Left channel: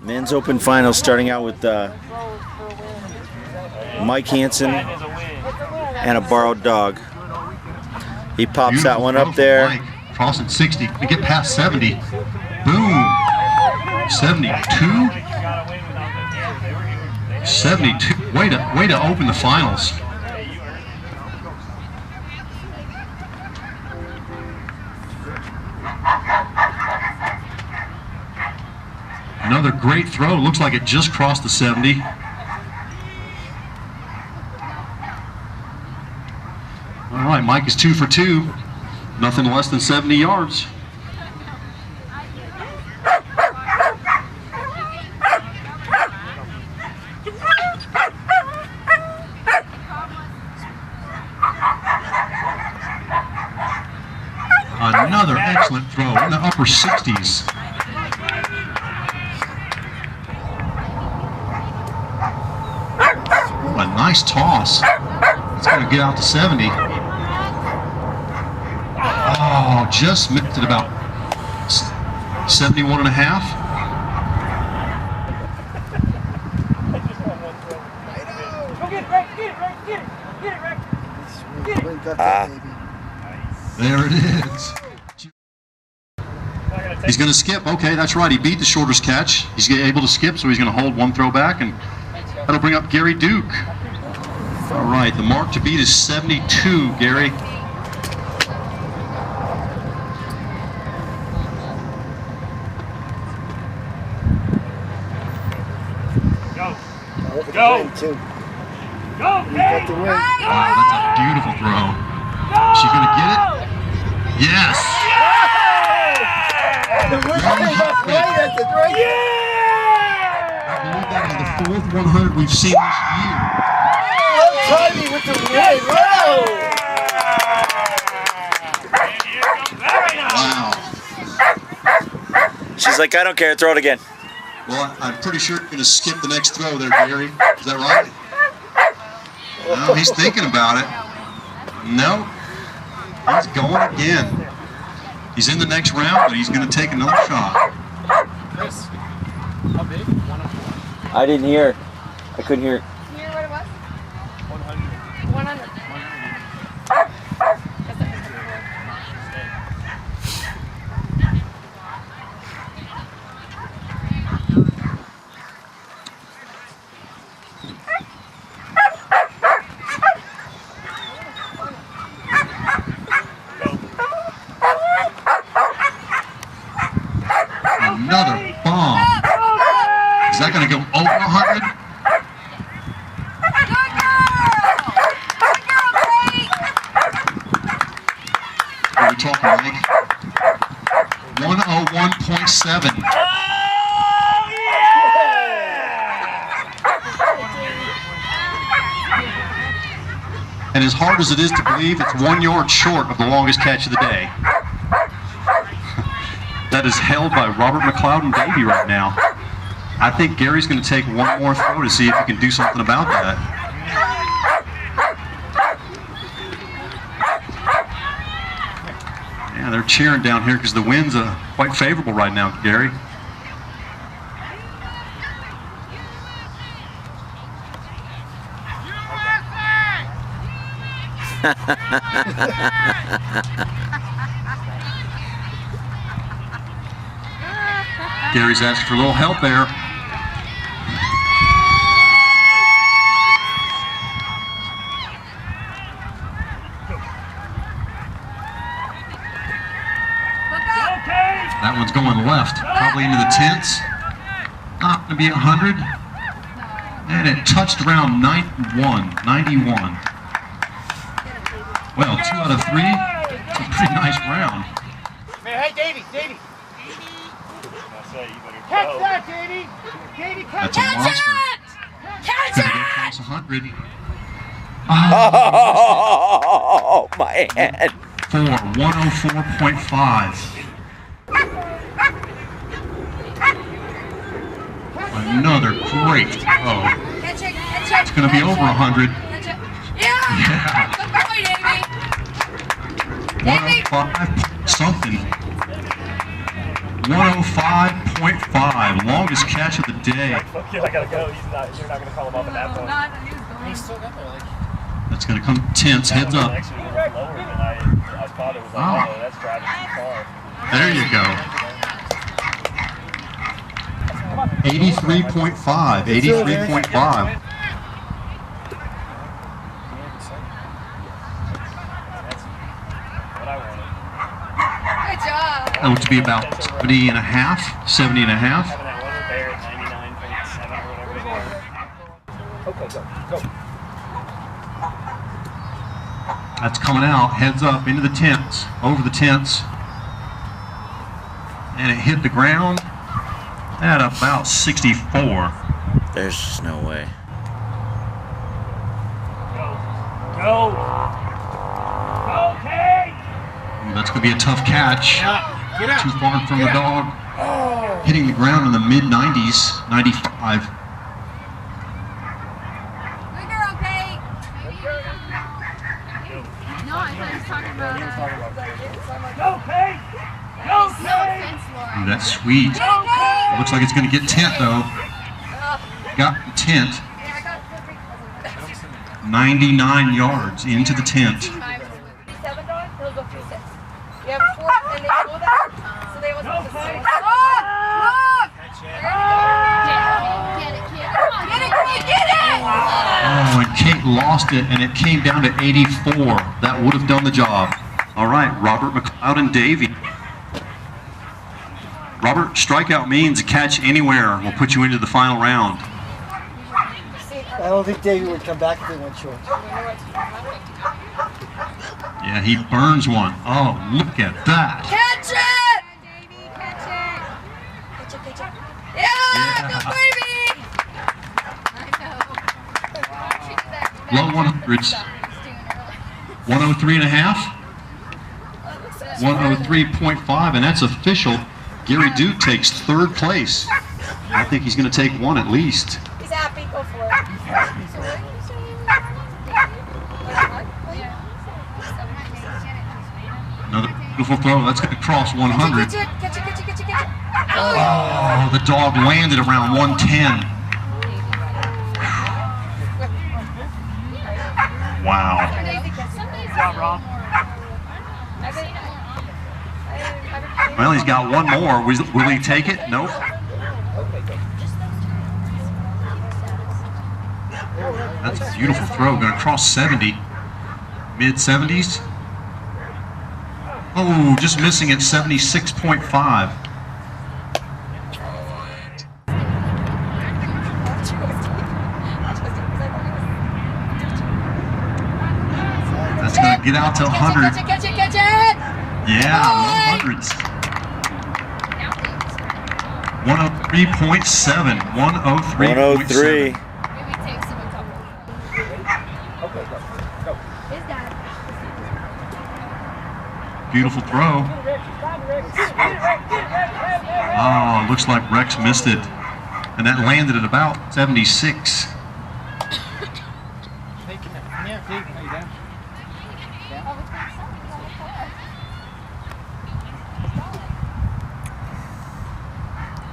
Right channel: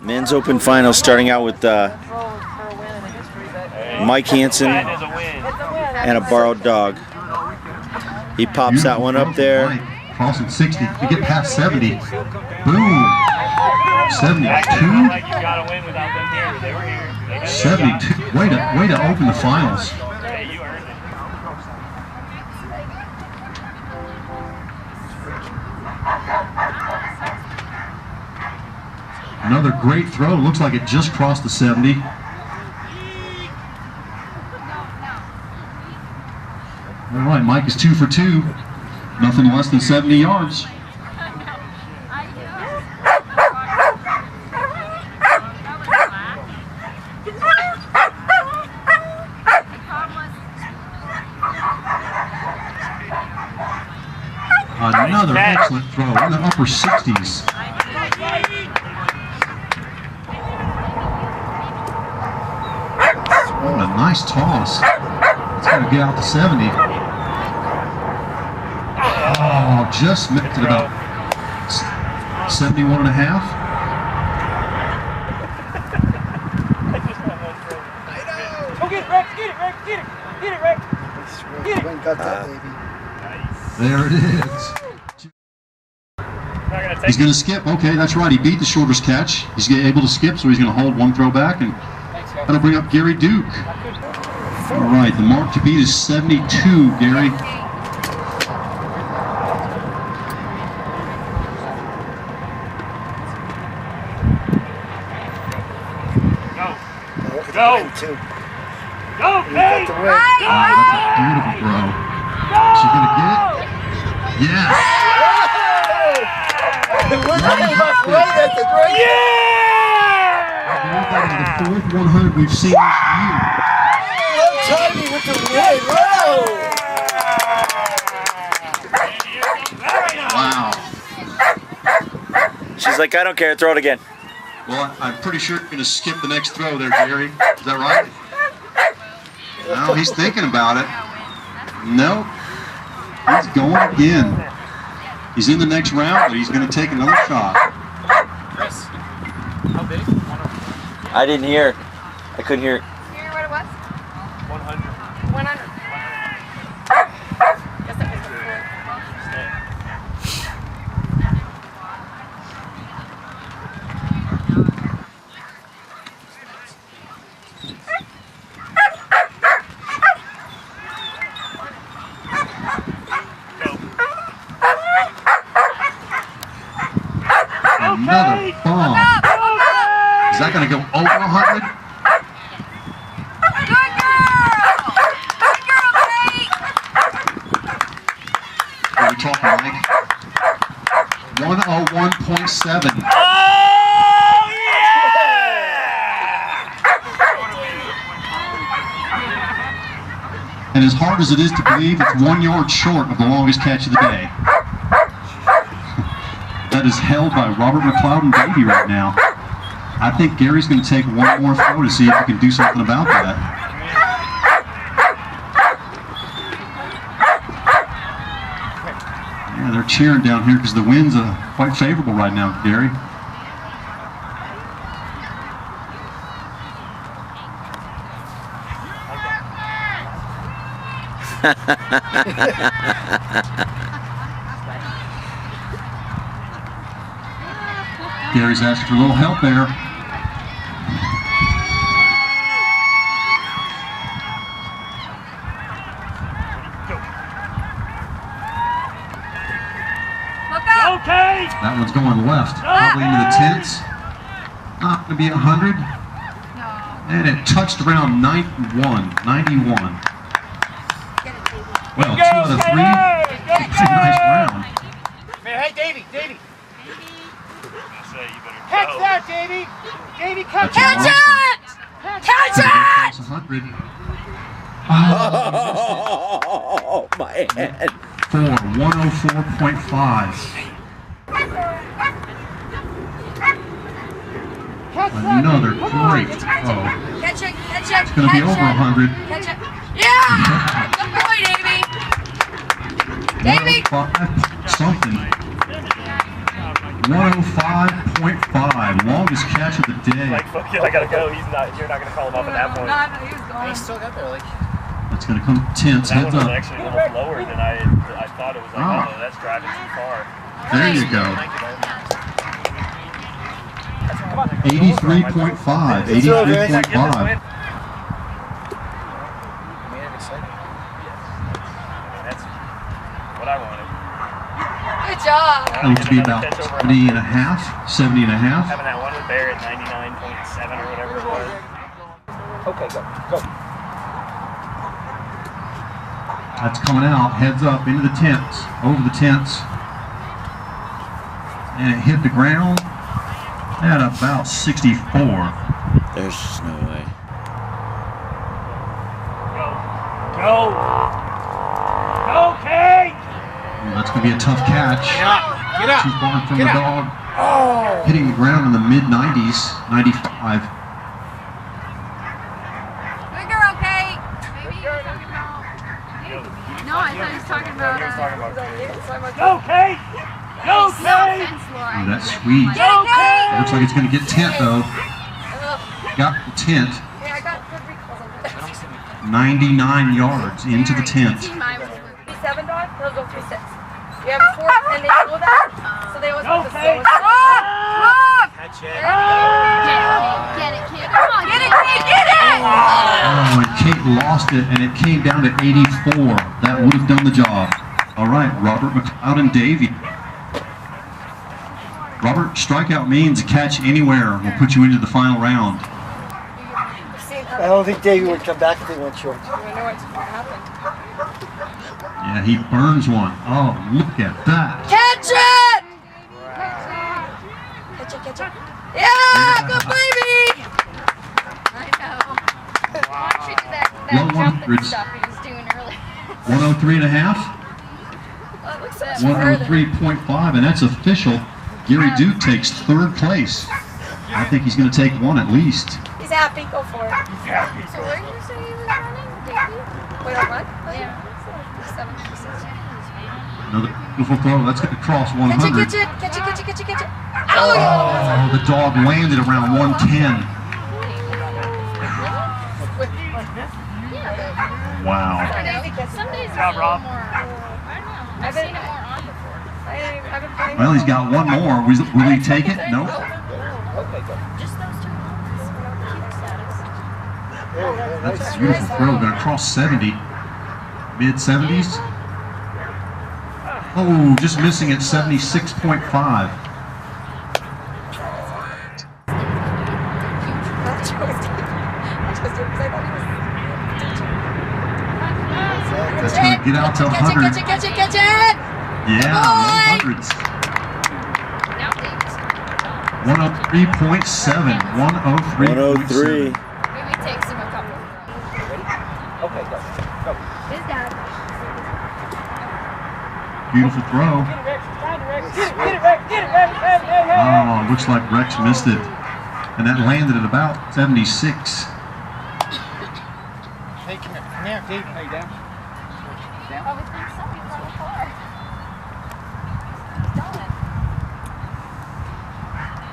Men's Open Finals starting out with Mike Hanson and a borrowed dog. He pops that one up there. Cross at 60. We get past 70. Boom. 72. 72. Way to open the finals. Another great throw. Looks like it just crossed the 70. All right, Mike is 2 for 2. Nothing less than 70 yards. Another excellent throw in the upper 60s. Oh, a nice toss. It's going to get out to 70. Oh, just missed it about 71 and a half. Go get it, Rex, get it, Rex, get it, Rex. Get it. There it is. He's going to skip. Okay, that's right. He beat the shortest catch. He's able to skip, so he's going to hold one throw back, and that'll bring up Gary Duke. All right, the mark to beat is 72, Gary. Go. Go, Kate! Oh, that's a beautiful throw. Is she going to get it? Yes! I believe that is the 4th 100 we've seen this year. Tiny with the win. Wow. She's like, I don't care, throw it again. Well, I'm pretty sure you're going to skip the next throw there, Gary. Is that right? No, he's thinking about it. No, he's going again. He's in the next round, but he's going to take another shot. Chris, how big? I didn't hear. I couldn't hear. You hear what it was? 100. 100. Another bomb. Is that going to go over 100? What are we talking, Mike? 101.7. And as hard as it is to believe, it's 1 yard short of the longest catch of the day. That is held by Robert McLeod and DAVY right now. I think Gary's going to take one more throw to see if he can do something about that. Yeah, they're cheering down here because the wind's quite favorable right now, Gary. Gary's asked for a little help there. That one's going left, probably into the tents. Not going to be 100. And it touched around 91. Well, 2 out of 3. It's a pretty nice round. Man, hey, Davey. Catch that, Davey. Catch it! Catch it! 100. Oh, my hand. For 104.5. Another great throw. Catch it, catch it. It's going to be over 100. Catch it. Yeah! Good boy, Davy. 105 something. 105.5. Longest catch of the day. I gotta go. You're not gonna call him up at that point. He was gone. He still got there, like. That's going to come tense. Heads up. Actually, a little lower than I thought it was. Like, Oh. oh, that's driving too far. There you go. 83.5. 83.5. That's what I wanted. Good job. That looks to be about 70 and a half. 70 and a half. Having that one with Bear at 99.7 or whatever it was. Okay, go, go. That's coming out. Heads up into the tents. Over the tents. And it hit the ground at about 64. There's just no way. Go. Go. Go, Kate! Ooh, that's going to be a tough catch. Get out. Too far from the dog. Oh. Hitting the ground in the mid-90s. 95. Good girl, Kate. Go. No, I thought he was talking about He was talking about Go, Kate! Go, Kate! Ooh, that's sweet. Go, Kate! Looks like it's going to get tent, though. Got the tent. Yeah, I got the recalls on that. 99 yards into the tent. 7 dog, they'll go for 6. You have 4, and they know that, so they always Go, want the Kate! slowest. Look! Catch it. Get it, kid. Come on, get it, kid, get it! Oh, and Kate lost it, and it came down to 84. That would have done the job. All right, Robert, McLeod, and Davy. Robert, strikeout means a catch anywhere. We'll put you into the final round. I don't think Davey would come back if he went short. Yeah, he burns one. Oh, look at that. Catch it! Catch it. Yeah, good baby! Low 100s. 103 and a half. 103.5, and that's official. Gary Duke takes 3rd place. I think he's going to take 1 at least. He's happy, go for it. So where did you say you were at? Wait, on what? Yeah. 7. Another beautiful throw. That's going to cross 100. Catch it. Oh, the dog landed around 110. Wow. Some days it's a little more. I've been Well, he's got 1 more. Will he take it? Nope. Okay, go. That's a beautiful throw. Going to cross 70. Mid-70s. Oh, just missing at 76.5. That's going to get out to 100. Catch it! Yeah, low hundreds. 103.7. 103.7. 103. Maybe it takes him a couple. Ready? Okay, go. Go. His dad. Beautiful throw. Oh, looks like Rex missed it. And that landed at about 76. Hey, come here. Come here, Dave. How you doing?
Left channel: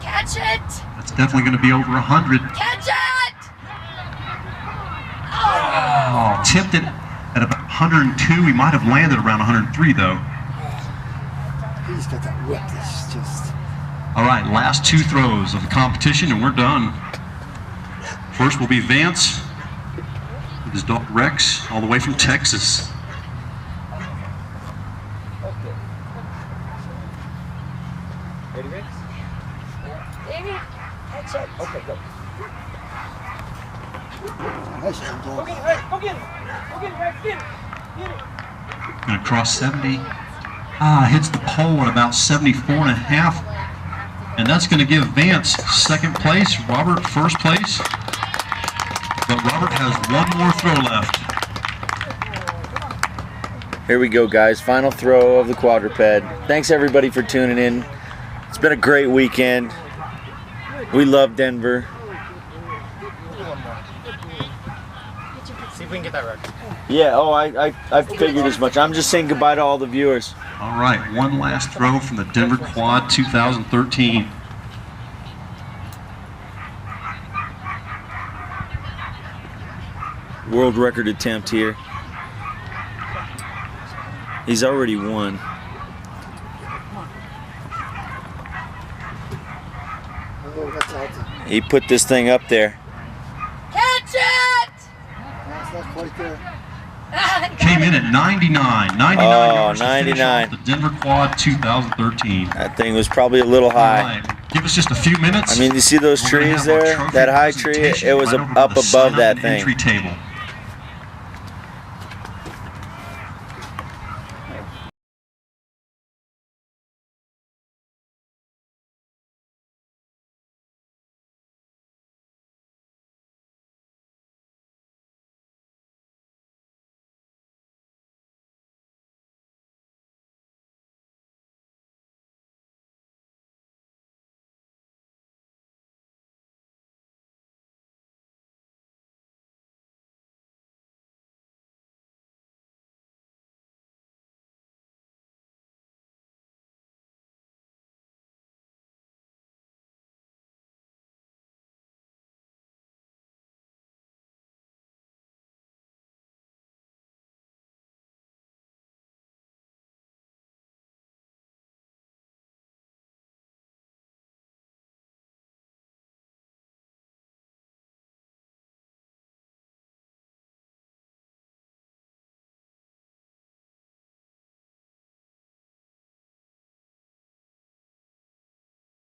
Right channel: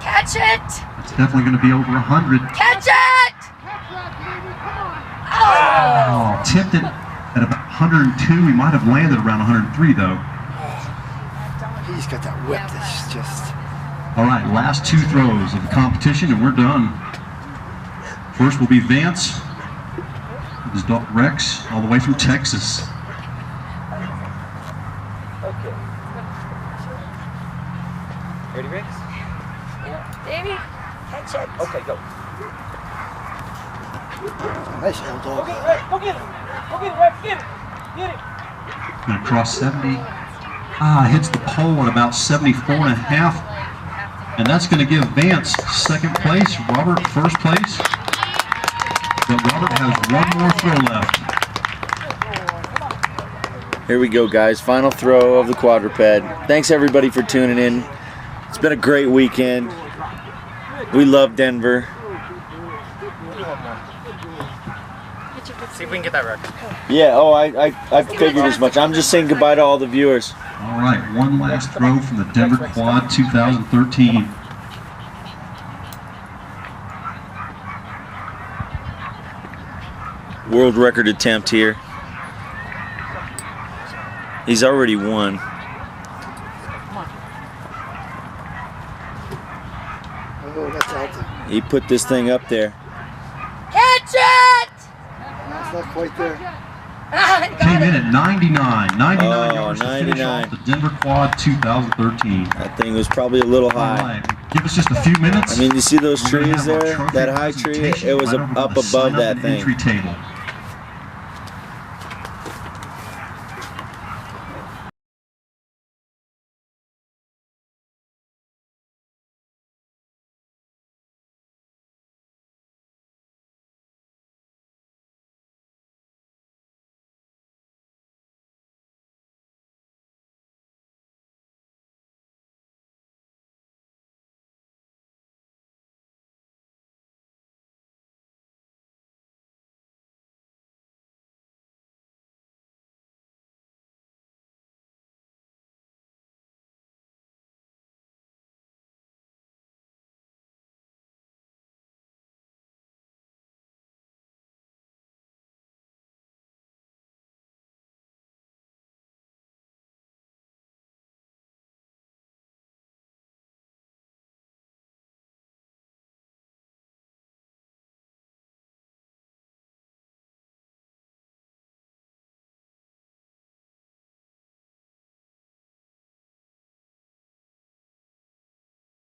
Catch it! That's definitely going to be over 100. Catch it! Oh, tipped it at about 102. He might have landed around 103, though. He's got that whip that's just... All right, last 2 throws of the competition, and we're done. First will be Vance with his dog Rex, all the way from Texas. Okay. Ready, Rex? Davey, catch it. Okay, go. Nice little Go dog. get it, Rex. Go get it. Go get it, Rex. Get it. Get it. Going to cross 70. Hits the pole at about 74 and a half. And that's going to give Vance 2nd place, Robert 1st place. But Robert has 1 more throw left. Here we go, guys. Final throw of the quadruped. Thanks, everybody, for tuning in. It's been a great weekend. We love Denver. we can get that record. Yeah, oh, I figured as much. I'm just saying goodbye to all the viewers. All right, one last throw from the Denver Quad 2013. World record attempt here. He's already won. Oh, that's healthy. He put this thing up there. Catch it! It's not quite there. Came in at 99. 99 Oh, yards to finish 99. off the Denver Quad 2013. That thing was probably a little All high. right, give us just a few minutes. I mean, you see those We're gonna trees have our there? trophy That high tree, presentation it was right over to up the above sign-up that and thing. entry table.